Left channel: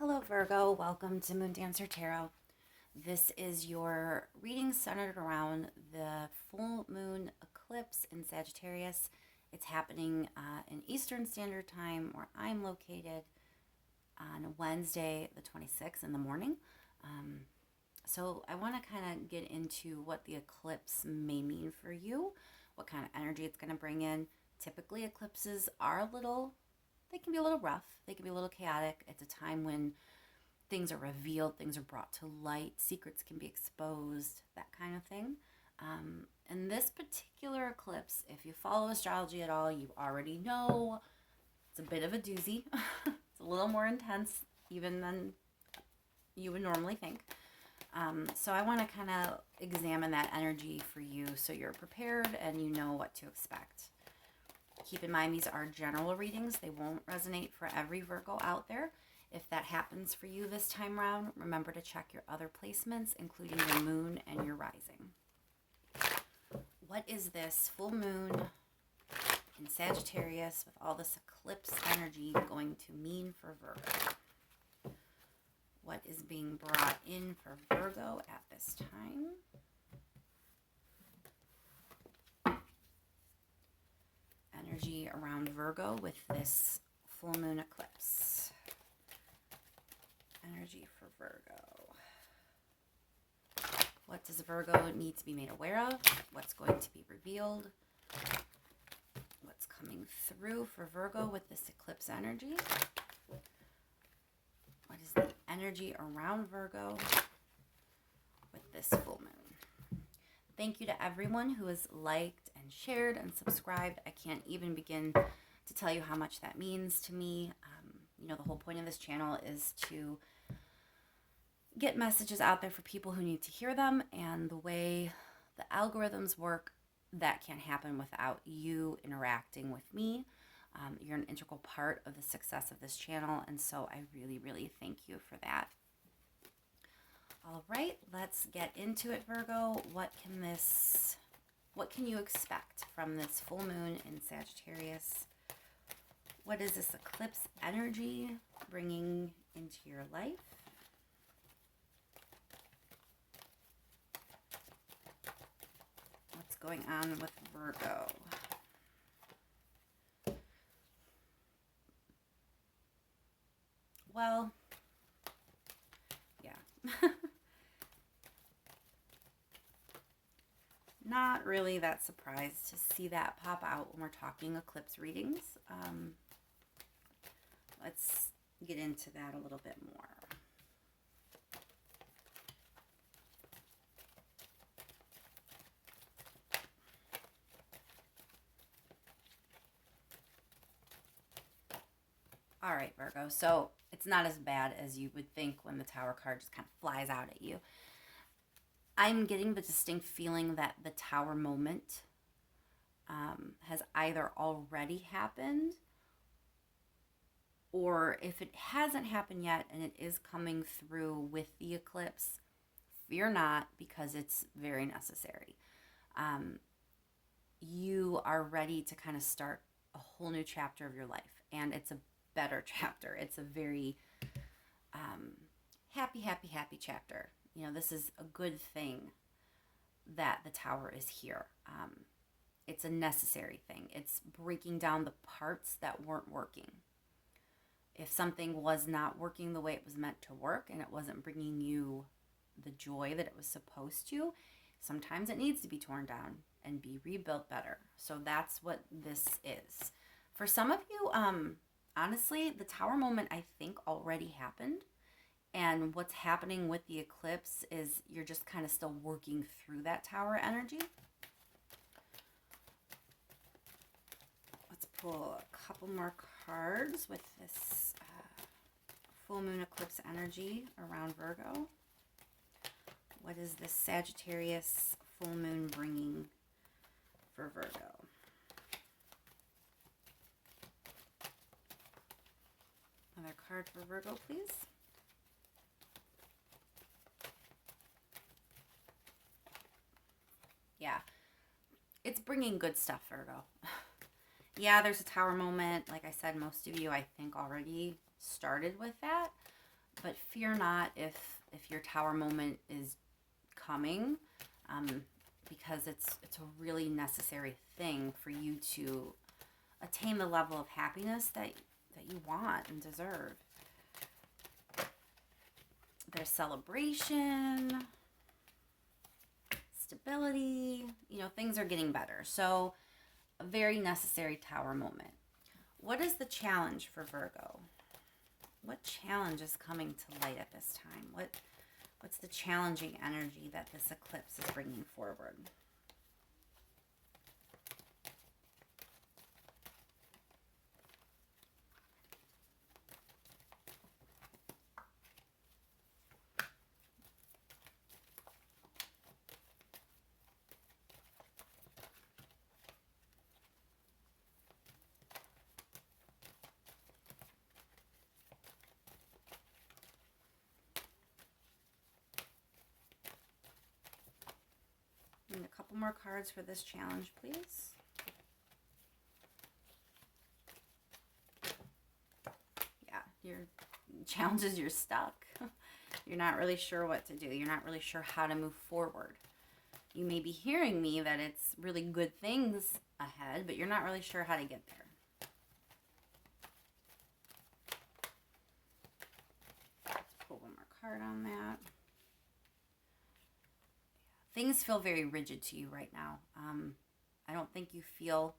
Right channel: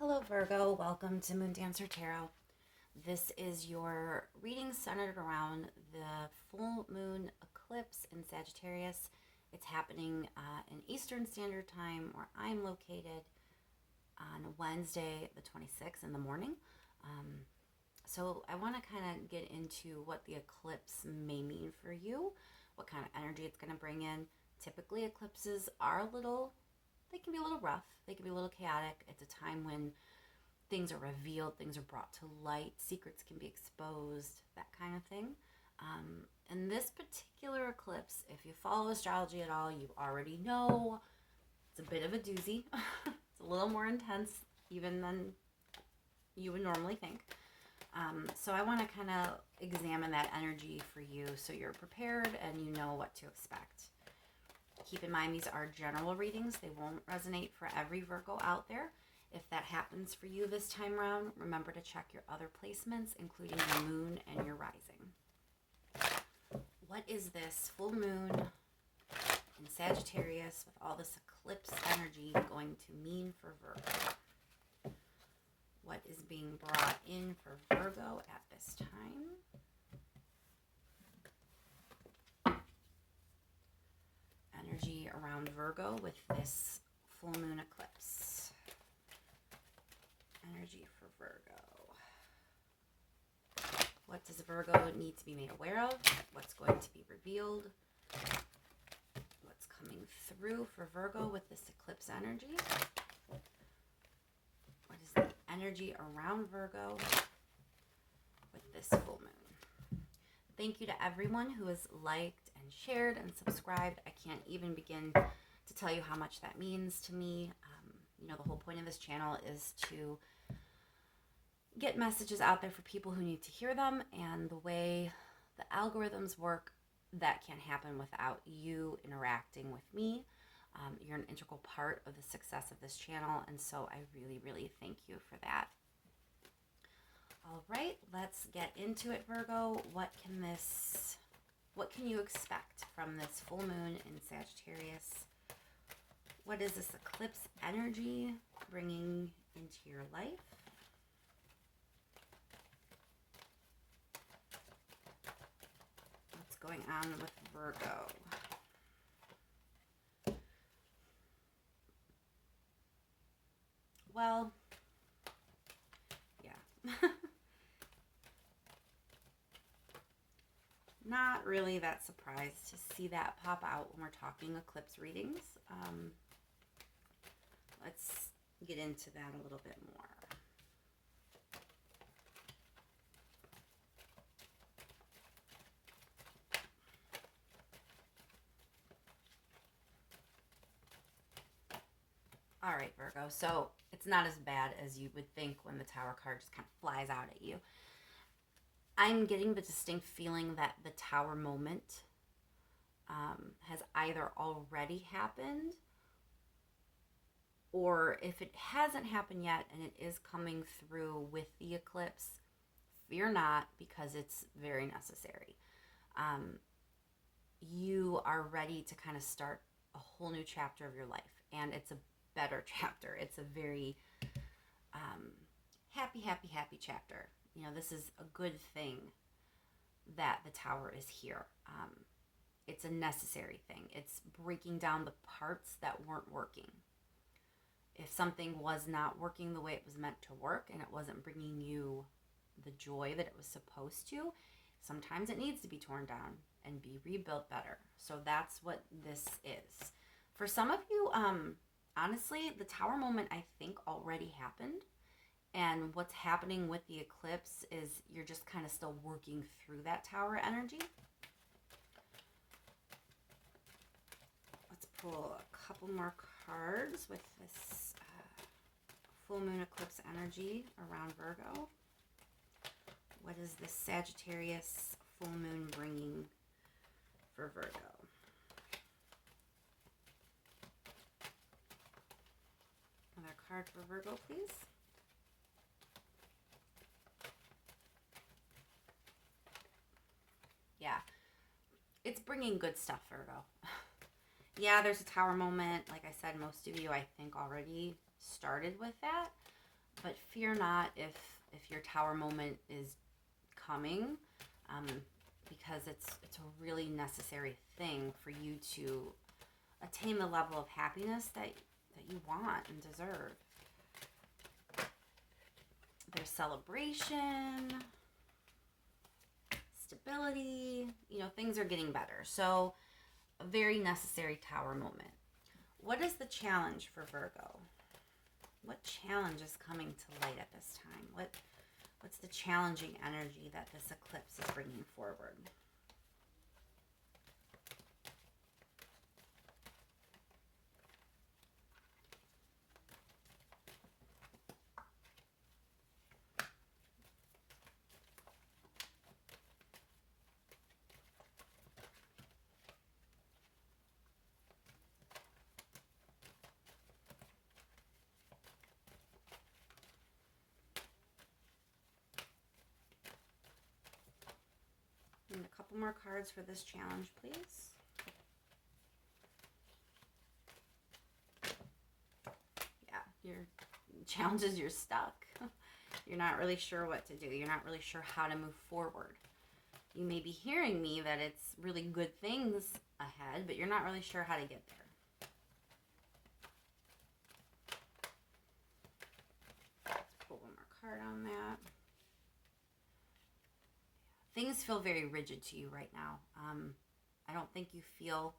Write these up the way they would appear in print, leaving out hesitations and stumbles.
Hello, Virgo. Welcome to Moon Dancer Tarot. This is your reading centered around the full moon eclipse in Sagittarius. It's happening in Eastern Standard Time, where I'm located, on Wednesday, the 26th in the morning. So I want to kind of get into what the eclipse may mean for you, what kind of energy it's going to bring in. Typically, eclipses are they can be a little rough, they can be a little chaotic. It's a time when things are revealed, things are brought to light, secrets can be exposed, that kind of thing. And this particular eclipse, if you follow astrology at all, you already know it's a bit of a doozy. It's a little more intense even than you would normally think. So I want to kind of examine that energy for you so you're prepared and you know what to expect. Keep in mind, these are general readings. They won't resonate for every Virgo out there. If that happens for you this time around, remember to check your other placements, including your moon and your rising. What is this full moon in Sagittarius with all this eclipse energy going to mean for Virgo? What is being brought in for Virgo at this time? Energy around Virgo with this full moon eclipse. Energy for Virgo. What does Virgo need to be made aware of? What's going to be revealed? What's coming through for Virgo with this eclipse energy? What is the energy around Virgo with this full moon? Thank you to everyone who has liked and shared and subscribed. I can't even begin to tell you how much that means to me. The whole point of this channel is to get messages out there for people who need to hear them, and the way the algorithms work, that can't happen without you interacting with me. You're an integral part of the success of this channel, and so I really, really thank you for that. All right, let's get into it, Virgo. What can you expect from this full moon in Sagittarius? What is this eclipse energy bringing into your life? What's going on with Virgo? Well, yeah. Not really that surprised to see that pop out when we're talking eclipse readings. Let's get into that a little bit more. All right, Virgo. So it's not as bad as you would think when the Tower card just kind of flies out at you. I'm getting the distinct feeling that the Tower moment has either already happened, or if it hasn't happened yet and it is coming through with the eclipse, fear not, because it's very necessary. You are ready to kind of start a whole new chapter of your life, and it's a better chapter. It's a very happy chapter. This is a good thing that the Tower is here. It's a necessary thing. It's breaking down the parts that weren't working. If something was not working the way it was meant to work and it wasn't bringing you the joy that it was supposed to, sometimes it needs to be torn down and be rebuilt better. So that's what this is. For some of you, honestly, the Tower moment, I think, already happened. And what's happening with the eclipse is you're just kind of still working through that Tower energy. Let's pull a couple more cards with this full moon eclipse energy around Virgo. What is this Sagittarius full moon bringing for Virgo? Another card for Virgo, please. Yeah, it's bringing good stuff, Virgo. Yeah, there's a Tower moment. Like I said, most of you, I think, already started with that. But fear not if your Tower moment is coming, because it's a really necessary thing for you to attain the level of happiness that you want and deserve. There's celebration, stability, things are getting better. So a very necessary Tower moment. What is the challenge for Virgo? What challenge is coming to light at this time? What's the challenging energy that this eclipse is bringing forward? And a couple more cards for this challenge, please. Yeah, your challenge is you're stuck. You're not really sure what to do. You're not really sure how to move forward. You may be hearing me that it's really good things ahead, but you're not really sure how to get there. Pull one more card on that. Things feel very rigid to you right now. I don't think you feel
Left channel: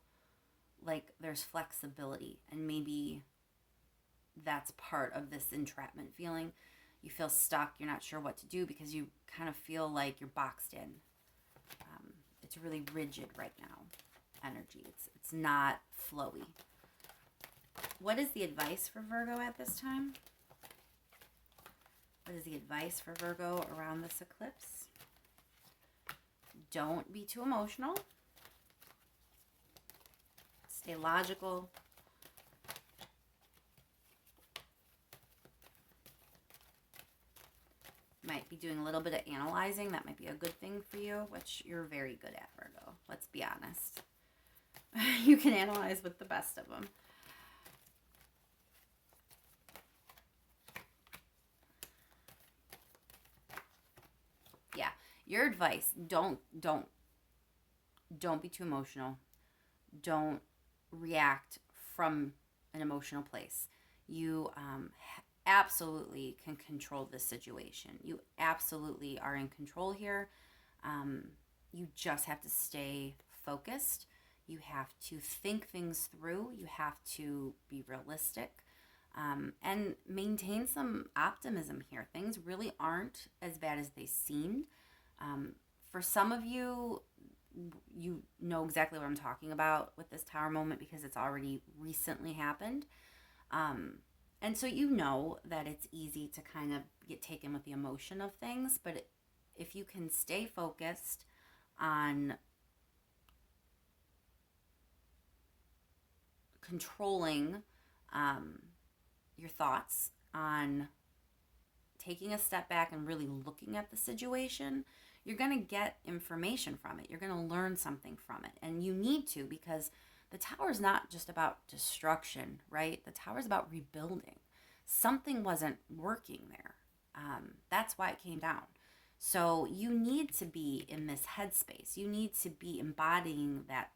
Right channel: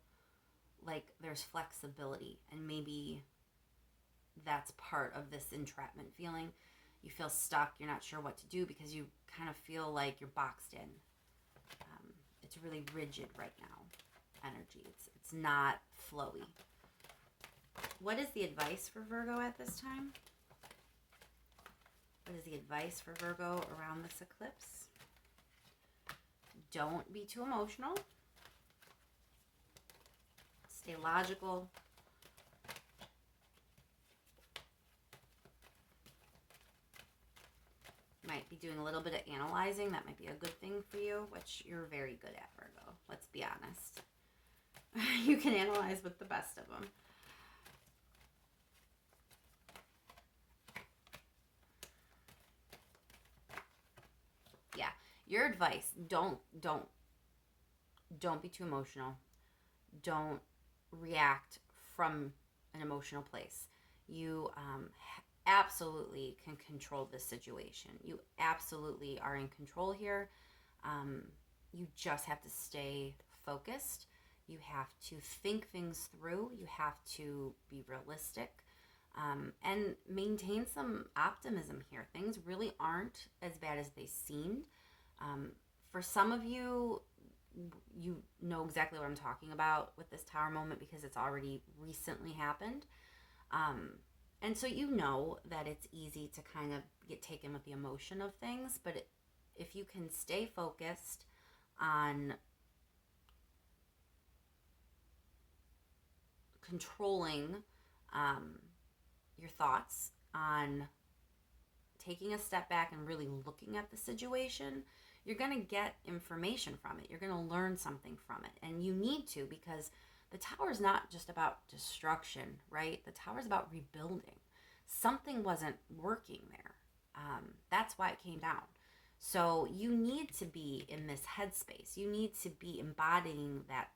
like there's flexibility, and maybe that's part of this entrapment feeling. You feel stuck. You're not sure what to do because you kind of feel like you're boxed in. It's really rigid right now, energy. It's not flowy. What is the advice for Virgo at this time? What is the advice for Virgo around this eclipse? Don't be too emotional. Stay logical. Might be doing a little bit of analyzing. That might be a good thing for you, which you're very good at, Virgo. Let's be honest. You can analyze with the best of them. Yeah, your advice, don't be too emotional. Don't react from an emotional place. You absolutely can control this situation. You absolutely are in control here. You just have to stay focused. You have to think things through. You have to be realistic, and maintain some optimism here. Things really aren't as bad as they seemed. For some of you, you know exactly what I'm talking about with this Tower moment because it's already recently happened. And so you know that it's easy to kind of get taken with the emotion of things, but if you can stay focused on controlling your thoughts, on taking a step back and really looking at the situation, you're going to get information from it. You're going to learn something from it. And you need to, because the Tower is not just about destruction, right? The Tower is about rebuilding. Something wasn't working there. That's why it came down. So you need to be in this headspace. You need to be embodying that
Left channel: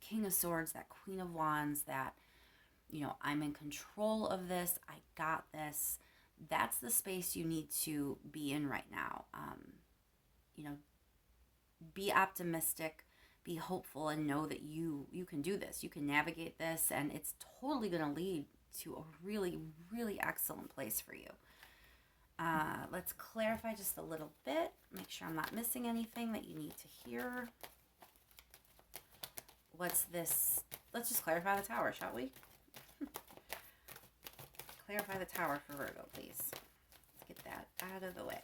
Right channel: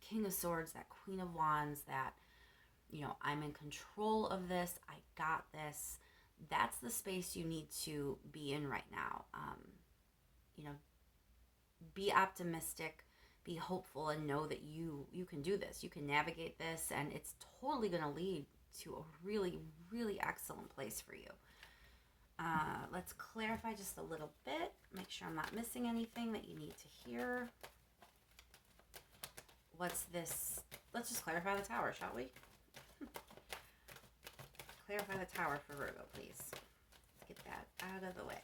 King of Swords, that Queen of Wands, that, I'm in control of this. I got this. That's the space you need to be in right now. Be optimistic, be hopeful, and know that you can do this. You can navigate this, and it's totally going to lead to a really, really excellent place for you. Let's clarify just a little bit. Make sure I'm not missing anything that you need to hear. What's this? Let's just clarify the Tower, shall we? Clarify the Tower for Virgo, please. Let's get that out of the way.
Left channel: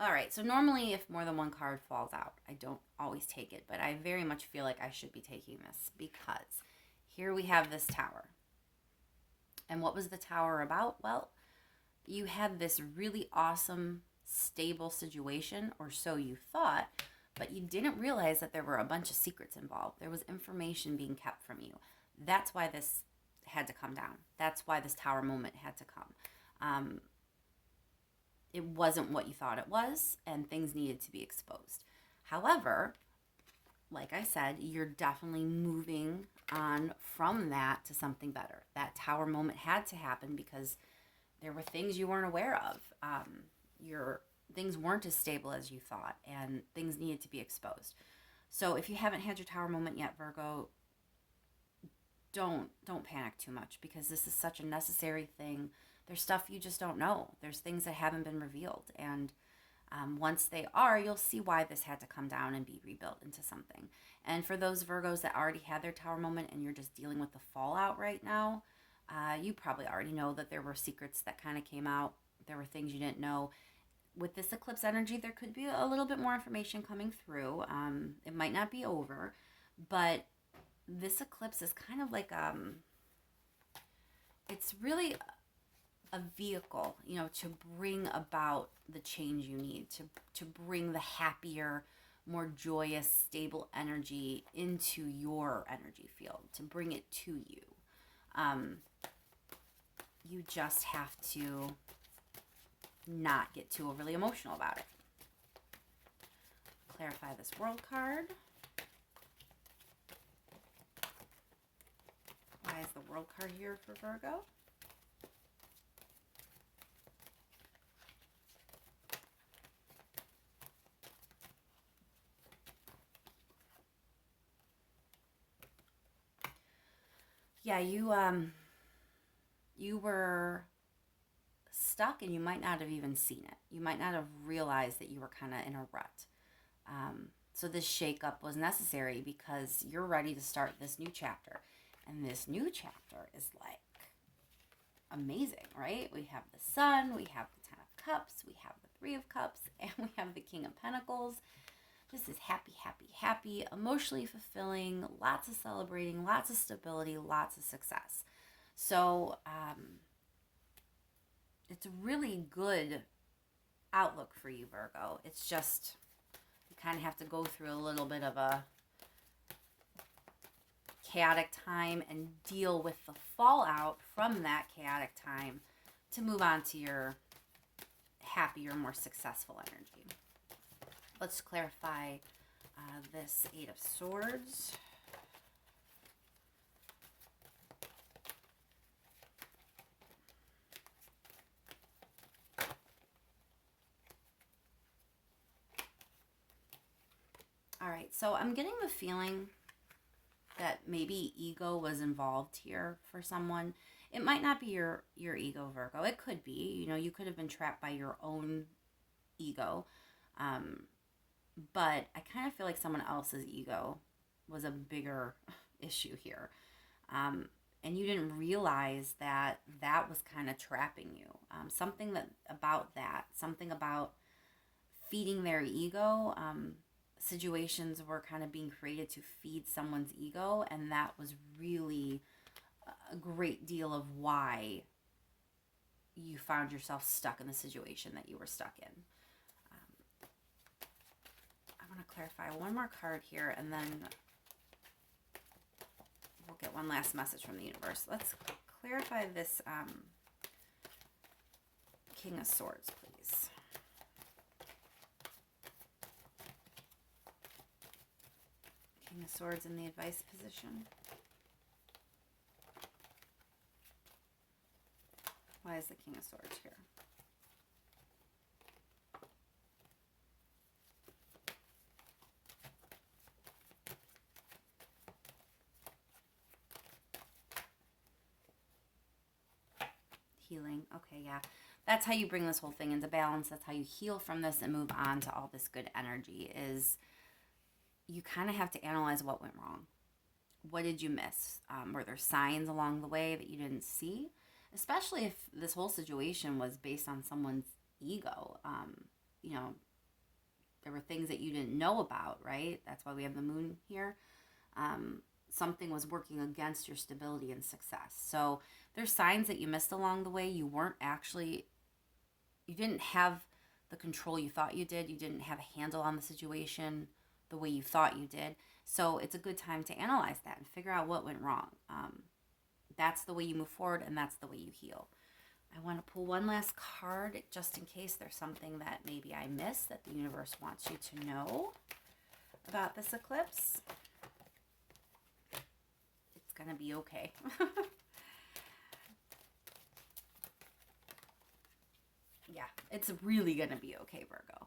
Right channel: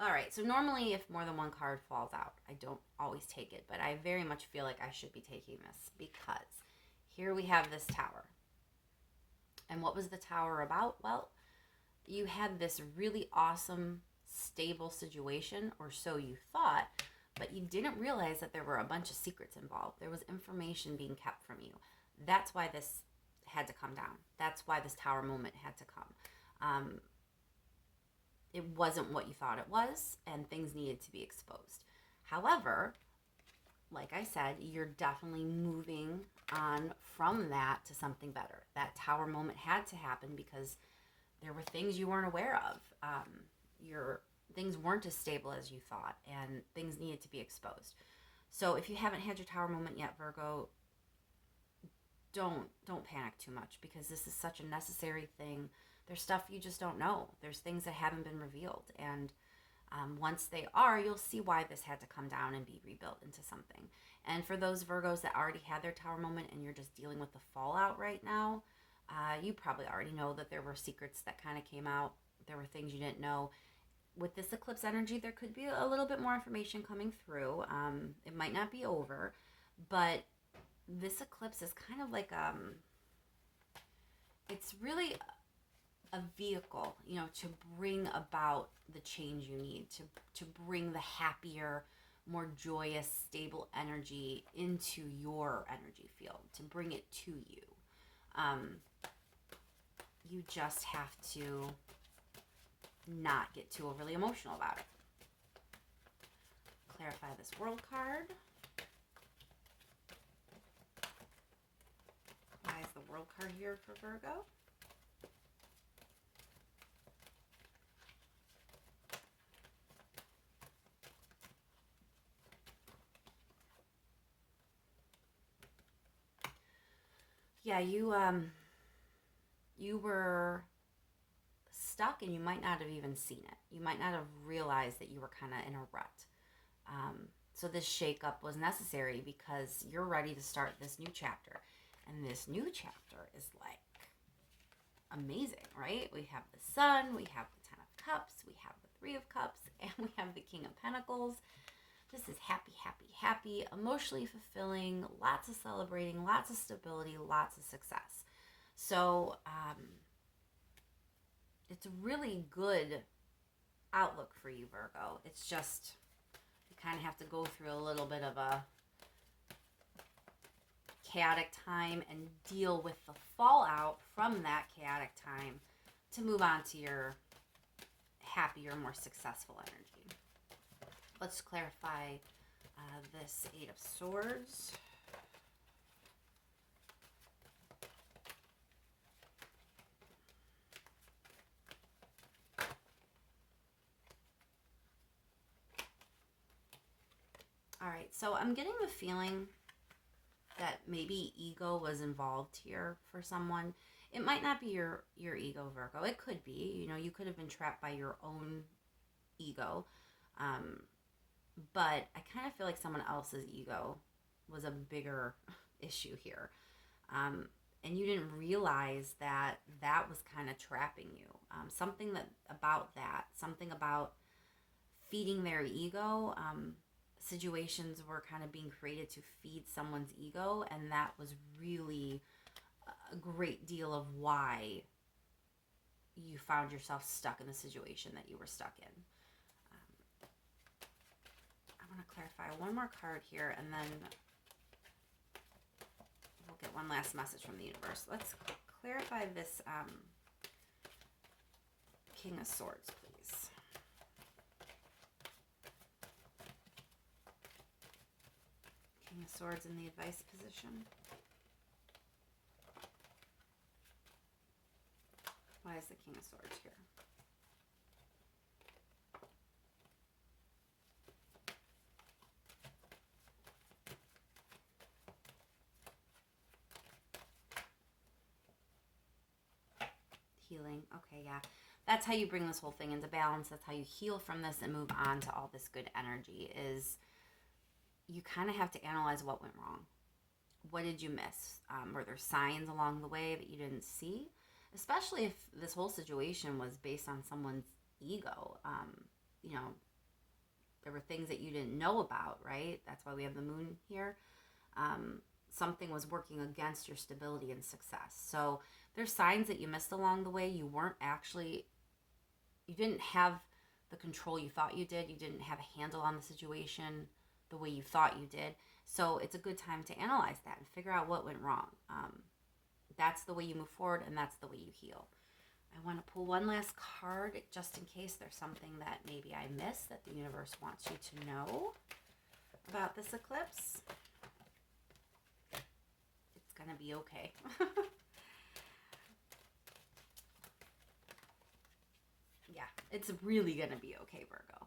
All right, so normally if more than one card falls out, I don't always take it, but I very much feel like I should be taking this because here we have this Tower. And what was the Tower about? Well, you had this really awesome, stable situation, or so you thought, but you didn't realize that there were a bunch of secrets involved. There was information being kept from you. That's why this had to come down. That's why this tower moment had to come. It wasn't what you thought it was, and things needed to be exposed. However, like I said, you're definitely moving on from that to something better. That tower moment had to happen because there were things you weren't aware of. Your things weren't as stable as you thought, and things needed to be exposed. So if you haven't had your tower moment yet, Virgo, don't panic too much, because this is such a necessary thing. There's stuff you just don't know. There's things that haven't been revealed, and once they are, you'll see why this had to come down and be rebuilt into something. And for those Virgos that already had their tower moment and you're just dealing with the fallout right now, you probably already know that there were secrets that kind of came out. There were things you didn't know. With this eclipse energy, there could be a little bit more information coming through. It might not be over, but this eclipse is kind of like it's really a vehicle, to bring about the change you need, to bring the happier, more joyous, stable energy into your energy field, to bring it to you. You just have to not get too overly emotional about it. Clarify this world card. Why is the world card here for Virgo? Yeah, you were stuck, and you might not have even seen it. You might not have realized that you were kind of in a rut. So this shakeup was necessary because you're ready to start this new chapter. And this new chapter is like amazing, right? We have the Sun, we have the Ten of Cups, we have the Three of Cups, and we have the King of Pentacles. This is happy, happy, happy, emotionally fulfilling, lots of celebrating, lots of stability, lots of success. So it's a really good outlook for you, Virgo. It's just, you kind of have to go through a little bit of a chaotic time and deal with the fallout from that chaotic time to move on to your happier, more successful energy. Let's clarify this Eight of Swords. All right, so I'm getting the feeling that maybe ego was involved here for someone. It might not be your ego, Virgo. It could be. You could have been trapped by your own ego. But I kind of feel like someone else's ego was a bigger issue here. And you didn't realize that was kind of trapping you. Something about feeding their ego. Situations were kind of being created to feed someone's ego, and that was really a great deal of why you found yourself stuck in the situation that you were stuck in. I want to clarify one more card here, and then we'll get one last message from the universe. Let's clarify this King of Swords, please. King of Swords in the advice position. Why is the King of Swords here? Healing. Okay, yeah. That's how you bring this whole thing into balance. That's how you heal from this and move on to all this good energy. Is you kind of have to analyze what went wrong. What did you miss? Were there signs along the way that you didn't see? Especially if this whole situation was based on someone's ego. There were things that you didn't know about, right? That's why we have the moon here. Something was working against your stability and success. So there's signs that you missed along the way. You didn't have the control you thought you did. You didn't have a handle on the situation. the way you thought you did. So it's a good time to analyze that and figure out what went wrong. That's the way you move forward, and that's the way you heal. I want to pull one last card just in case there's something that maybe I missed that the universe wants you to know about this eclipse. It's going to be okay. Yeah, it's really going to be okay, Virgo.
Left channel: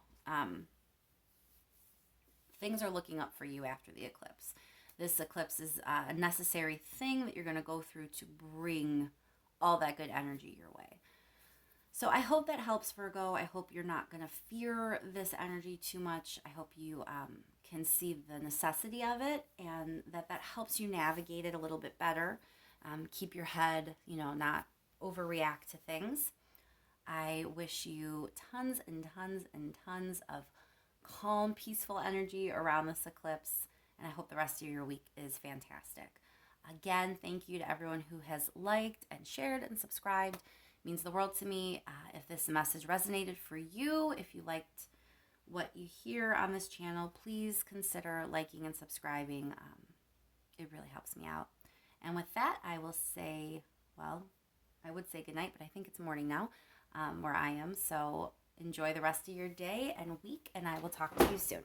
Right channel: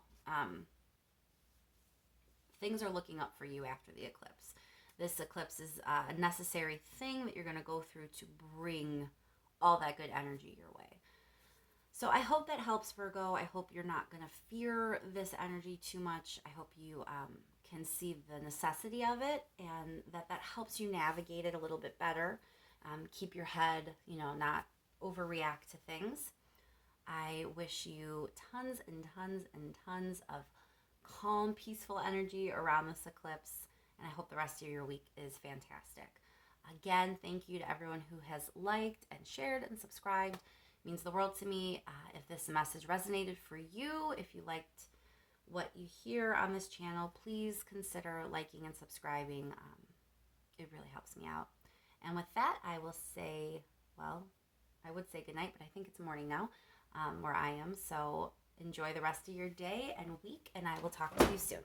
Things are looking up for you after the eclipse. This eclipse is a necessary thing that you're going to go through to bring all that good energy your way. So I hope that helps, Virgo. I hope you're not going to fear this energy too much. I hope you can see the necessity of it, and that helps you navigate it a little bit better. Keep your head, not overreact to things. I wish you tons and tons and tons of calm, peaceful energy around this eclipse, and I hope the rest of your week is fantastic. Again, thank you to everyone who has liked and shared and subscribed. It means the world to me. If this message resonated for you, if you liked what you hear on this channel, please consider liking and subscribing. It really helps me out. And with that, I will say, well, I would say goodnight, but I think it's morning now where I am. So enjoy the rest of your day and week, and I will talk to you soon.